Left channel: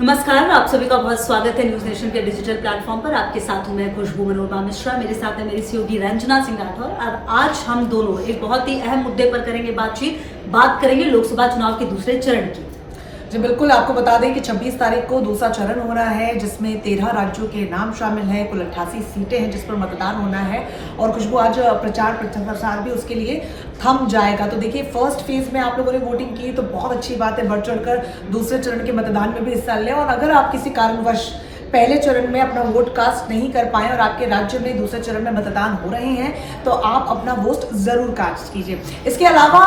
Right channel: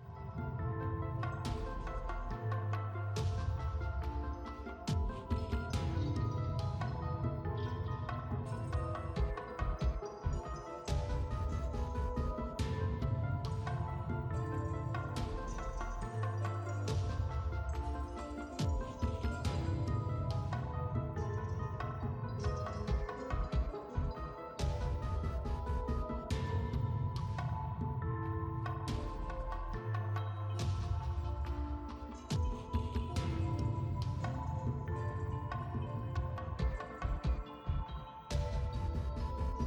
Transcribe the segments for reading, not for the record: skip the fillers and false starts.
नमस्कार, आप सभी का बहुत स्वागत है न्यूज नेशन के डिजिटल प्लेटफॉर्म पर। आपके साथ हूं मैं खुशबू मनोरमा मिश्रा, मेरे साथ है मेरी सहयोगी रंजना सिंह राठौर। और आज हम दोनों एक बहुत ही अहम मुद्दे पर करेंगे बात करेंगे लोकसभा चुनाव के दूसरे चरण की। जी बिल्कुल, आपको बता दें कि 26 तारीख को दूसरा चरण हो रहा है, जिसमें 13 राज्यों के नाम शामिल हैं। कुल 88 सीटें हैं जिस पर मतदान होना है। और खुशबू, आज प्रचार प्रसार भी उसके लिए थम जाएगा। तो देखिए, फर्स्ट फेज में आप लोगों ने वोटिंग की तो बहुत अच्छी बात है, बढ़ चढ़कर दूसरे चरण के मतदान में भी हिस्सा लें। और अगर आप किसी कारणवश पहले चरण में अपना वोट कास्ट नहीं कर पाए और आपके राज्य में दूसरे चरण में मतदान हो रहे हैं, तो आप अपना वोट जरूर कास्ट कीजिए। इसके अलावा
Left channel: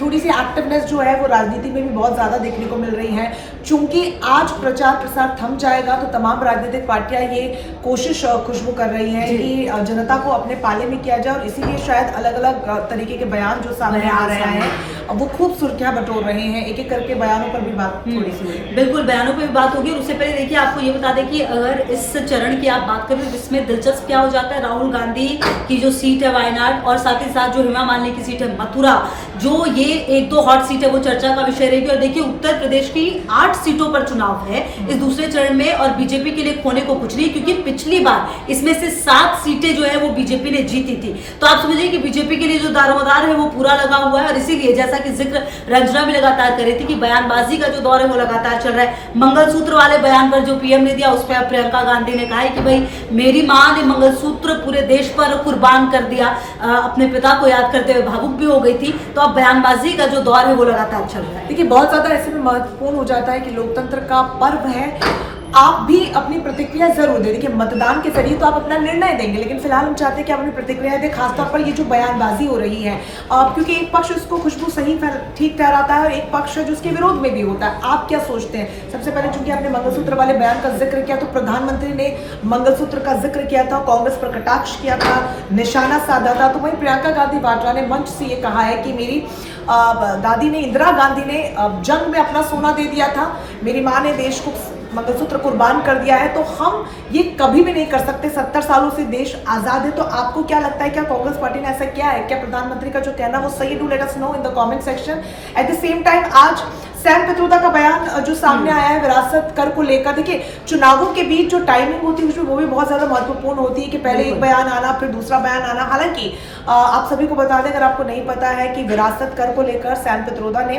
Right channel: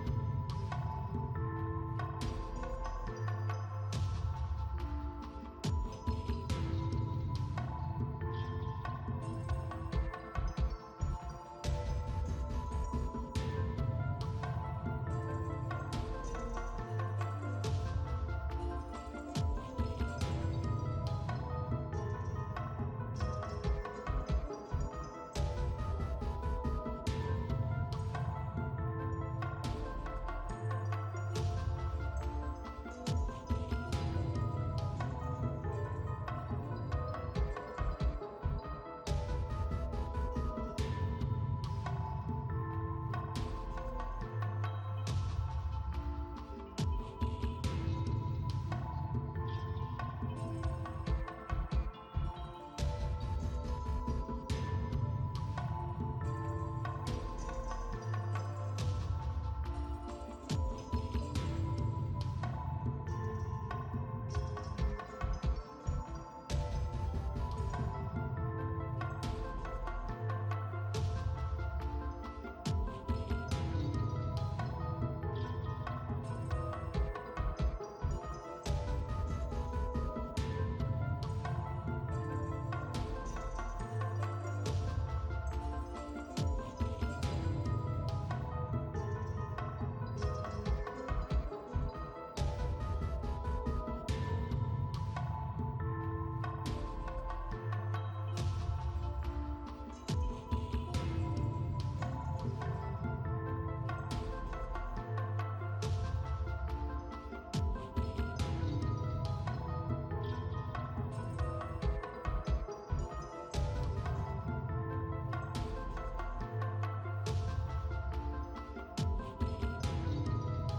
थोड़ी सी एक्टिवनेस जो है वो राजनीति में भी बहुत ज़्यादा देखने को मिल रही है। चूंकि आज प्रचार प्रसार थम जाएगा तो तमाम राजनीतिक पार्टियां ये कोशिश खुशबू कर रही हैं कि जनता को अपने पाले में किया जाए, और इसीलिए शायद अलग अलग तरीके के बयान जो सामने आ रहे हैं वो खूब सुर्खियां बटोर रहे हैं। एक एक करके बयानों पर भी बात थोड़ी सी हुई। बिल्कुल, बयानों पर भी बात होगी। और उससे पहले देखिए, आपको ये बता दें कि अगर इस चरण की आप बात करें तो इसमें दिलचस्प क्या हो जाता है, राहुल गांधी की जो सीट है वायनाड, और साथ ही साथ जो हेमा मालिनी की सीट है मथुरा, जो ये एक दो हॉट सीट है वो चर्चा का विषय रहेगी। और देखिए, उत्तर प्रदेश की 8 सीटों पर चुनाव है इस दूसरे चरण में, और बीजेपी के लिए खोने को कुछ नहीं, क्योंकि पिछली बार इसमें से 7 सीटें जो है वो बीजेपी ने जीती थी। तो आप समझिए कि बीजेपी के लिए जो दारोमदार है वो पूरा लगा हुआ है। और इसीलिए जैसा कि जिक्र रंजना भी लगातार कर रही थी कि बयानबाजी का जो दौर है वो लगातार चल रहा है। मंगलसूत्र वाले बयान पर जो पीएम ने दिया, उस पर प्रियंका गांधी ने कहा है कि भाई, मेरी मां ने मंगलसूत्र पूरे देश पर कुर्बान कर दिया, अपने पिता को याद करते हुए भावुक भी हो गई थी। तो अब बयानबाजी का जो दौर है वो लगातार चल रहा है। देखिए, बहुत ज्यादा ऐसे में महत्वपूर्ण हो जाता है कि लोकतंत्र का पर्व है, आप भी अपनी प्रतिक्रिया जरूर दें। देखिए, मतदान के जरिए तो आप अपना निर्णय देंगे, लेकिन फिलहाल हम चाहते हैं कि आप अपनी प्रतिक्रिया दें, खासतौर पर ये जो बयानबाजी हो रही है, क्योंकि एक पक्ष उसको खुशबू सही ठीक ठहराता है और एक पक्ष जो उसके विरोध में भी होता है। आप क्या सोचते हैं? सबसे पहले चूंकि आपने मंगलसूत्र वाले बयान का जिक्र किया, तो प्रधानमंत्री ने मंगलसूत्र का जिक्र किया था, कांग्रेस पर कटाक्ष किया था, निशाना साधा था। तो वहीं प्रियंका गांधी वाड्रा ने मंच से ये कहा है कि मेरी दादी ने, इंदिरा गांधी ने जंग में अपना सोना दे दिया था, मेरी माँ ने देश को मंगलसूत्र कुर्बान कर दिया है, तो हम ये कभी भी नहीं कर सकते। 70 सालों से देश आजाद है। तो आपको क्या लगता है, क्या कांग्रेस पार्टी ने ऐसा किया है? क्या प्रधानमंत्री का जो कहना वो सही? Do let us know in the comment section. At the same time, आज सैम पित्रोदा का बयान जो सामने आया है विरासत कर को लेकर, देखिए, चुनावों के बीच जो टाइमिंग होती है उसमें वो भी बहुत ज्यादा महत्वपूर्ण होती है कि पहले एक बयान आना, फिर दूसरा बयान आना। हालांकि आप सभी को बता दें, अगर आपको नहीं पता है, कि विरासत कर को लेकर सैम पित्रोदा ने,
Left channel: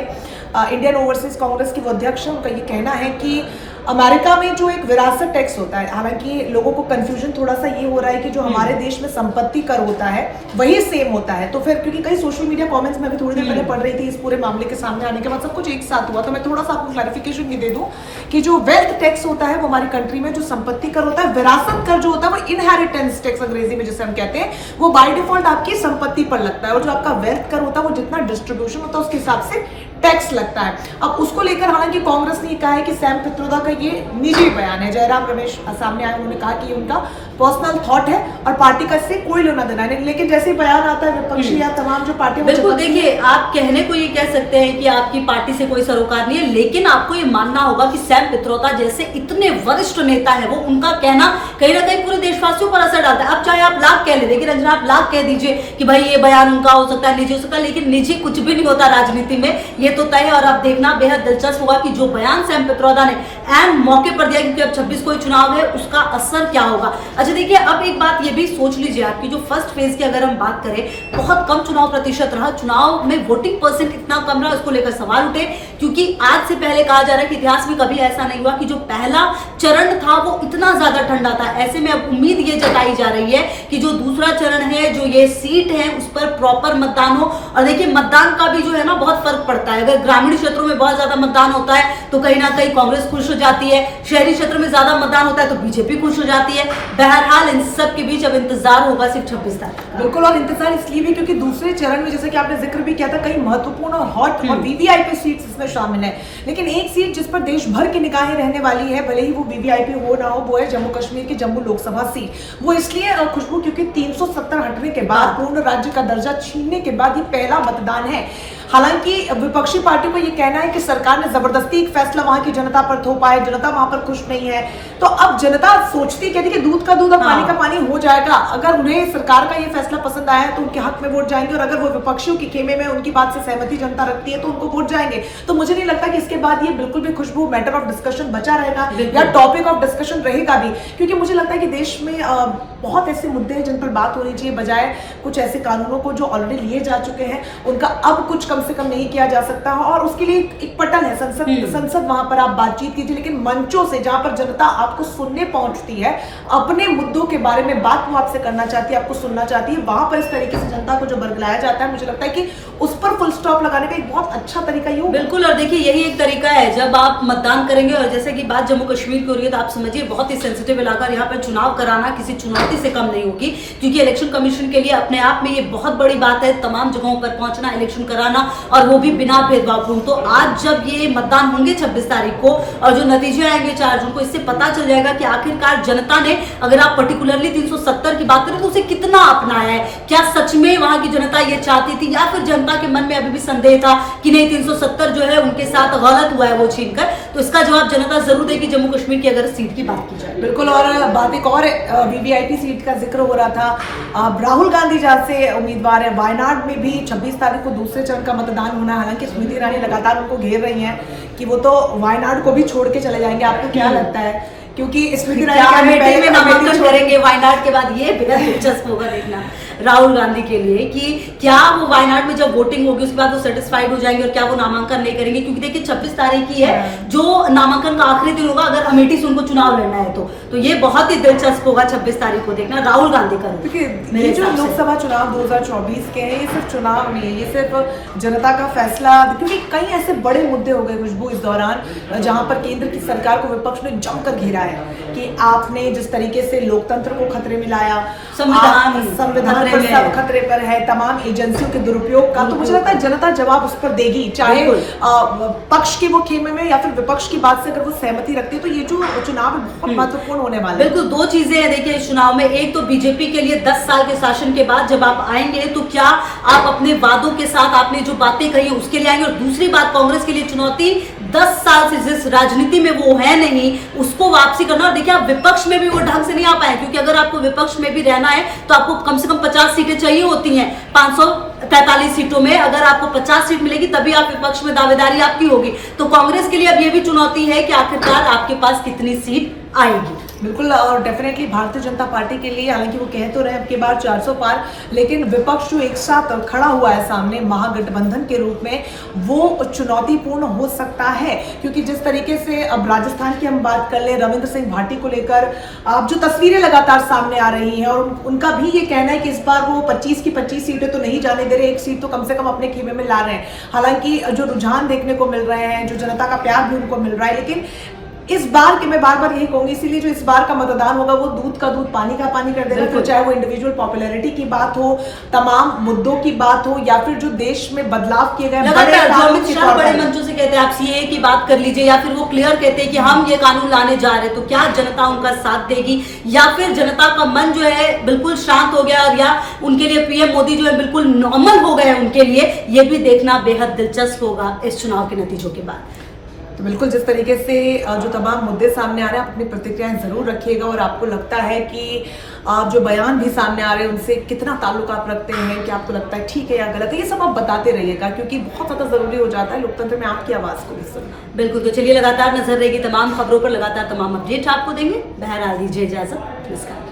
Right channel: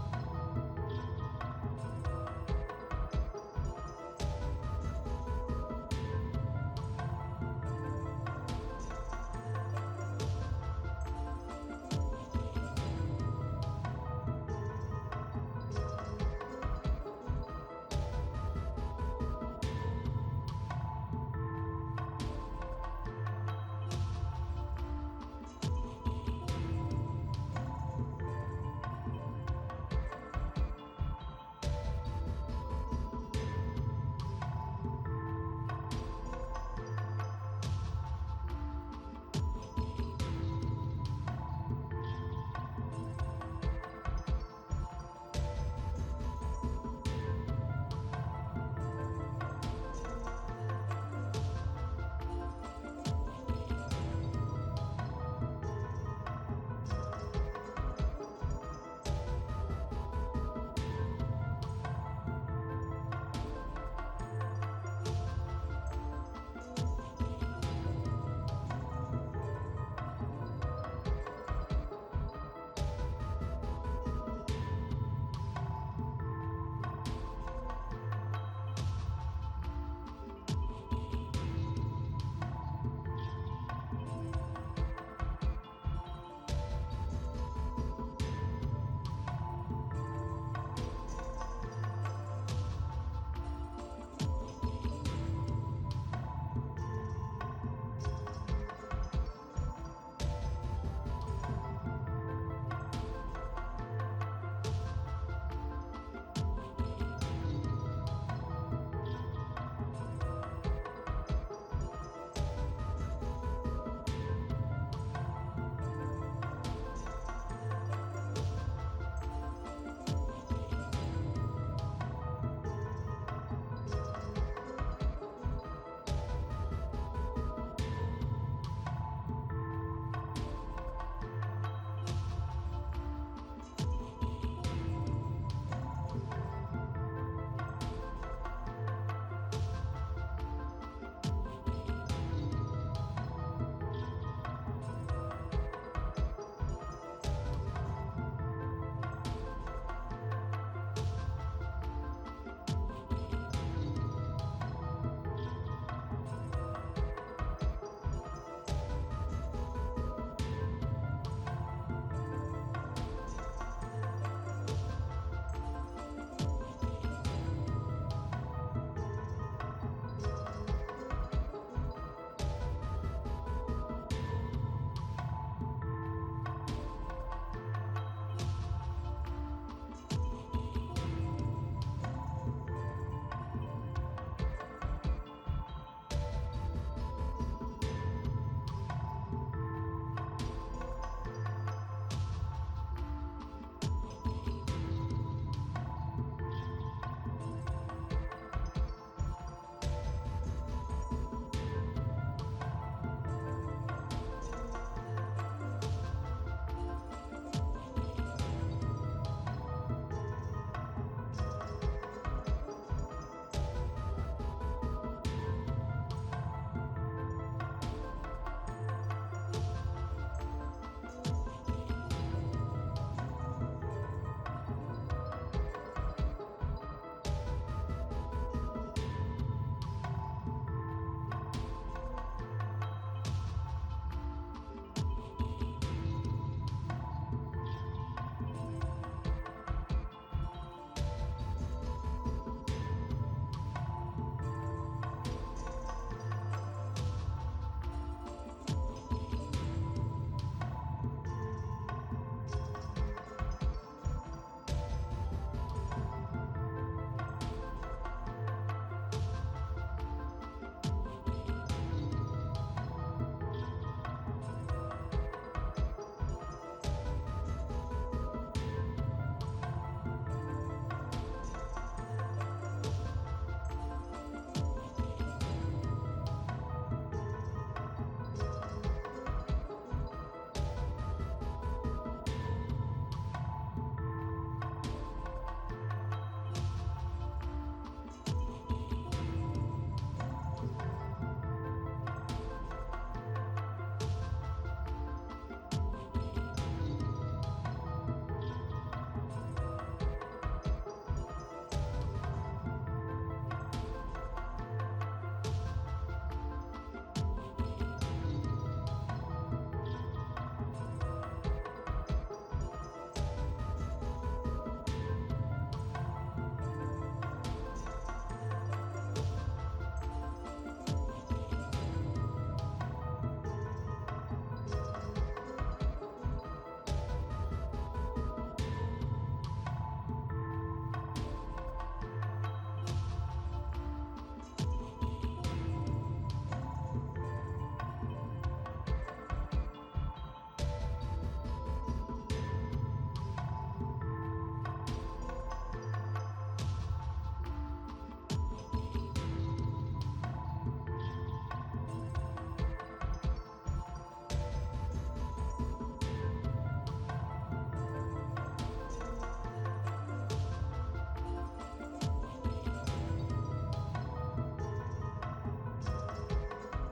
इंडियन ओवरसीज कांग्रेस की वो अध्यक्ष, उनका ये कहना है कि अमेरिका में जो एक विरासत टैक्स होता है, हालांकि लोगों को कंफ्यूजन थोड़ा सा ये हो रहा है कि जो हमारे देश में संपत्ति कर होता है वही सेम होता है। तो फिर क्योंकि कई सोशल मीडिया कमेंट्स में भी थोड़ी देर पहले पढ़ रही थी, इस पूरे मामले के सामने आने के बाद सब कुछ एक साथ हुआ, तो मैं थोड़ा सा आपको क्लैरिफिकेशन ये दे दूं कि जो वेल्थ टैक्स होता है वो हमारी कंट्री में, जो संपत्ति कर होता है, विरासत कर जो होता है वो इनहेरिटेंस टैक्स अंग्रेजी में जिसे हम कहते हैं, वो बाय डिफॉल्ट आपकी संपत्ति पर लगता है। और जो आपका वेल्थ कर होता है वो जितना डिस्ट्रीब्यूशन होता है उसके हिसाब से टैक्स लगता है। अब उसको लेकर हालांकि कांग्रेस ने कहा है कि सैम पित्रोदा का ये निजी बयान है। जयराम रमेश सामने आए, उन्होंने कहा कि ये उनका पर्सनल थॉट है और पार्टी का इससे कोई लेना देना नहीं। लेकिन जैसे ही बयान आता है विपक्षी या तमाम जो पार्टियां, बिल्कुल, देखिए, आप कहने को ये कह सकते हैं कि आपकी पार्टी से कोई सरोकार नहीं है, लेकिन आपको ये मानना होगा कि सैम पित्रोदा जैसे इतने वरिष्ठ नेता है, वो उनका कहना कहीं ना कहीं पूरे देशवासियों पर असर डालता है। अब चाहे आप लाख कह ले, देखिए रंजना, आप लाख कह दीजिए कि भाई ये बयान उनका हो सकता है, निजी हो सकता है, लेकिन निजी कुछ भी नहीं होता राजनीति में, ये तो तय है। और अब देखना बेहद दिलचस्प होगा कि जो बयान सैम पित्रोदा ने एन मौके पर दिया, क्योंकि अब 26 को चुनाव है, उसका असर क्या होगा। अच्छा देखिए, अब एक बात ये भी सोच लीजिए आपकी, जो फर्स्ट फेज की अगर हम बात करें, बहुत कम चुनाव प्रतिशत रहा, चुनाव में वोटिंग परसेंट इतना कम रहा, उसको लेकर सवाल उठे। क्योंकि आज से पहले कहा जा रहा है कि इतिहास में कभी ऐसा नहीं हुआ कि जो पहला चरण था वो इतना ज्यादा ठंडा था। ऐसे में अब उम्मीद ये जताई जा रही है कि जो दूसरा चरण है, जो ये सीट है, उस पर प्रॉपर मतदान हो। और देखिए, मतदान का भी जो है ना बहुत फर्क पड़ता है। अगर ग्रामीण क्षेत्रों में बहुत ज्यादा मतदान होता है तो कहीं ना कहीं कांग्रेस खुश हो जाती है, शहरी क्षेत्र में ज्यादा मतदान होता है तो बीजेपी खुश हो जाती है। बहरहाल इन सब के बीच अब इंतजार होगा सिर्फ 26 तारीख। बिल्कुल, और इंतजार इसलिए भी क्योंकि दूसरे चरण में, जैसे कि आपने जिक्र भी किया था, कई महत्वपूर्ण और हॉट और वीवीआईपी सीट्स इसमें शामिल है। लेकिन एक सीट जिस पर देश भर की निगाहें रहने वाली है, भले ही वो वीवीआईपी हो ना हो, वो है जम्मू कश्मीर की जम्मू लोकसभा सीट। वो इसलिए खुशबू क्योंकि 370 हटने के बाद, पूर्ण राज्य का दर्जा छीनने के बाद ये पहला मतदान है। हालांकि विपक्षी पार्टी को ये कहना है कि सरकार ने जबरदस्ती एक फैसला वहां की जनता पर थोपा है, जनता वहां पर खुश नहीं है। तो अब जनता सोचती कहती कि दूध का दूध और पानी का पानी हो जाएगा। अगर उन्हें सरकार का ये फैसला पसंद आया तो उनके हक में वोट जाएंगे, और अगर वो विपक्षियों के खेमे में उनकी बात से सहमति जनता रखती है तो उनको वोट जाएंगे। तो मुझे नहीं लगता कि इसके बाद ये बिल्कुल भी खुशबू मैटर ऑफ डिस्कशन बचा रहेगा या टॉपिक ऑफ डिस्कशन रहेगा भी, क्योंकि मुझे लगता है कि देश में बहुत ऐसे मुद्दे हैं जिन पर बात होनी चाहिए, बजाय कुछ ऐसे कानूनों को जो ऑलरेडी लिए जा चुके हैं उनका अब कुछ कम से कम नहीं किया जा सकता है। और उसके लिए एक पटल है संसद, वहां पर आप बातचीत कीजिए, लेकिन मंचों से जहां पर जनता आपको सुनने पहुंचती है, अपने मुद्दों के बारे में बात वो आपसे करना चाहती है, आपको सुनना चाहती है, वहां पर इस तरीके से जनता को जो बरगलाया जाता है, मुझे लगता है कि उस पर फुल स्टॉप लगाने का एक बहुत अच्छा तरीका ये होगा। बिल्कुल, और देखिए यही एक तरीका है जब आप मतदान करेंगे, और जैसे कि बात जम्मू कश्मीर की हो रही है तो आप समझिए बहुत ही सेंसिटिव इलाका, यहाँ पर चुनाव कराना किसी चुनौती से कम नहीं होगी, क्योंकि इलेक्शन कमीशन के लिए अपने आप में ये बहुत बड़ी बात है तमाम जगहों पर पहुंचना, इलेक्शन कराना, और वो भी बिना भेदभाव। तो आज जब ये मतदान होंगे 26 तारीख को और जो नतीजे आएंगे 4 जून को, इससे पता चल जाएगा कि आखिरकार जनता ने, अगर आप पर्टिकुलरली 370 की बात करें तो उसे कितना अपनाया है। क्या सच में वहां की जनता ये चाहती थी, या फिर जनता के मन में अभी भी संदेह था कि नहीं 370 जो है उनके साथ गलत हुआ है वो छीनकर। तो इसका जवाब जनता जरूर देगी जम्मू कश्मीर की अगर सीट की बात की जाए। बिल्कुल, और बात एक और वीवीआईपी सीट का जिक्र हो रहा था। राहुल गांधी जहां से उम्मीदवार है, वायनाड में भी 26 तारीख को दूसरे चरण का मतदान होना है। हालांकि स्मृति ईरानी लगातार उनको घेर रही हैं कि वो तो वायनाड को भी छोड़ के चले जाएंगे। आपको क्या लगता है? क्योंकि स्मृति ईरानी में नामांकन करेंगे वायनाड के बाद, ये बेहद दिलचस्प होगा देखना राहुल गांधी के लिए कि क्या वो वायनाड में जब वोटिंग होगी उसके बाद वो सेटिस्फाइड हो जाएंगे और क्या वो नामांकन नहीं करेंगे। क्योंकि देखिए 26 तारीख की है जो नामांकन का आखिरी दिन होगा, अगर अमेठी से उनको चुनाव लड़ना है तो ये बहुत ही दिलचस्प होगा 26 तारीख को देखना राहुल गांधी का। ये जो लोकसभा चुनाव 2024 के हैं, ये सिर्फ चुनाव नहीं है, ये सिर्फ जनता का फैसला, क्योंकि कई ऐसे बड़े मुद्दे हो गए खुशबू इस दौरान जहां पर केंद्र की सरकार को विपक्ष ने जमकर घेरा है कि आपने जिस तरीके से लोकतंत्र को खतरे में लाया, संविधान पर सब खतरे पर है, तमाम एजेंसियों के दुरुपयोग का, तो मुझे लगता है जनता जवाब उस पर देगी, चाहे पक्ष के वो खेमे में या फिर विपक्ष की बात से अगर वो सहमति रखती है। तो ये जो चुनाव बहुत महत्वपूर्ण होने वाला है। बिल्कुल, दो चीजें हैं देखिए इस चुनाव में। एक तो बीजेपी के लिए 10 साल के शासन के बाद जब आप आएंगे तो क्या आप अपने वादों के साथ आपने जो बातें कही है उसके लिए आएंगे, और दूसरी बात कांग्रेस के लिए चुनौती 10 साल से जिस राजनीति में वो है नहीं उसको वापसी करना। और देखिए आप विपक्ष में भी वो ढंग से नहीं आ पाए, क्योंकि अगर आपको विपक्ष में भी रहना है तो आपको कम से कम 50 सीटें चाहिए होती हैं। 543 सीटों में अगर आपको 50 सीट मिलेगी तभी आप विपक्ष में दावेदारी आपकी होगी। तो कांग्रेस के लिए अब ये भी चुनौती है कि आखिरकार आपके पास कितनी सीट आएगी। बिल्कुल, और डेफिनेटली भारतीय जनता पार्टी के लिए, हालांकि वो कह तो रहे अब के बार 400 पार, लेकिन विपक्ष जो एक साथ खड़ा हुआ है सामने महागठबंधन के रूप में, वो चुनौतीपूर्ण हो सकता है। क्योंकि जिस तरीके से अब राजस्थान की हम बात कर ले, रविंद्र सिंह भाटी को लेकर अब जो तस्वीरें लगातार सामने आ रही हैं, और उनका भी ये कहना है कि इस बार वो 25 की 25 सीटें तो नहीं जाने दे रहे, एक सीट तो कम से कम अपने खेमे में ला रहे हैं। हालांकि जो रुझान देखने को मिल रहे हैं, जो जनता का प्यार भी उनको मिल रहा है, लेकिन इस बार के मैं बार बार यही कहूंगी, इसीलिए जो इस बार का मतदान होगा वो दूध का दूध पानी का पानी कर देगा। फिर चाहे वो इंडिविजुअल पॉपुलैरिटी की बात हो, तमाम मुद्दों की बात हो, या फिर जो देश में बदलाव किए गए बड़े मंचों से कहते हैं आप सीए की बात कर लीजिए, या फिर वो क्लियर कहते हैं कि हम ये कानून लाने जा रहे हैं, तो क्या जनता उनका साथ देगी, या फिर जनता का मन जो है बिल्कुल शांत हो गया, और या उनके लिए पीएम मोदी जो है बिल्कुल नॉर्मल हो गए उनके लिए, ये भी देखना बेहद दिलचस्प होगा इस चुनाव के नतीजों के बाद। तो बिल्कुल, जिस तरीके से जो तमाम मुद्दे सामने आ रहे हैं, अपनी प्रतिक्रियाएं जरूर रखिएगा, और आपको लगता है कि जो बयान भी सामने आ रहे हैं उनसे कितना ताल्लुक आप रखते हैं, कि आपको लगता है ठीक है या गलत है, ये सब आप बताते रहिएगा, क्योंकि बहुत ज़्यादा ज़रूरी हो जाता है लोकतंत्र में आपकी आवाज़ को भी सुनना। बिल्कुल, तो चलिए लगातार नजर रहेगी तमाम खबरों पर, लगातार तमाम अपडेट आपको देंगे। बहरहाल दीजिए इजाजत, नमस्कार।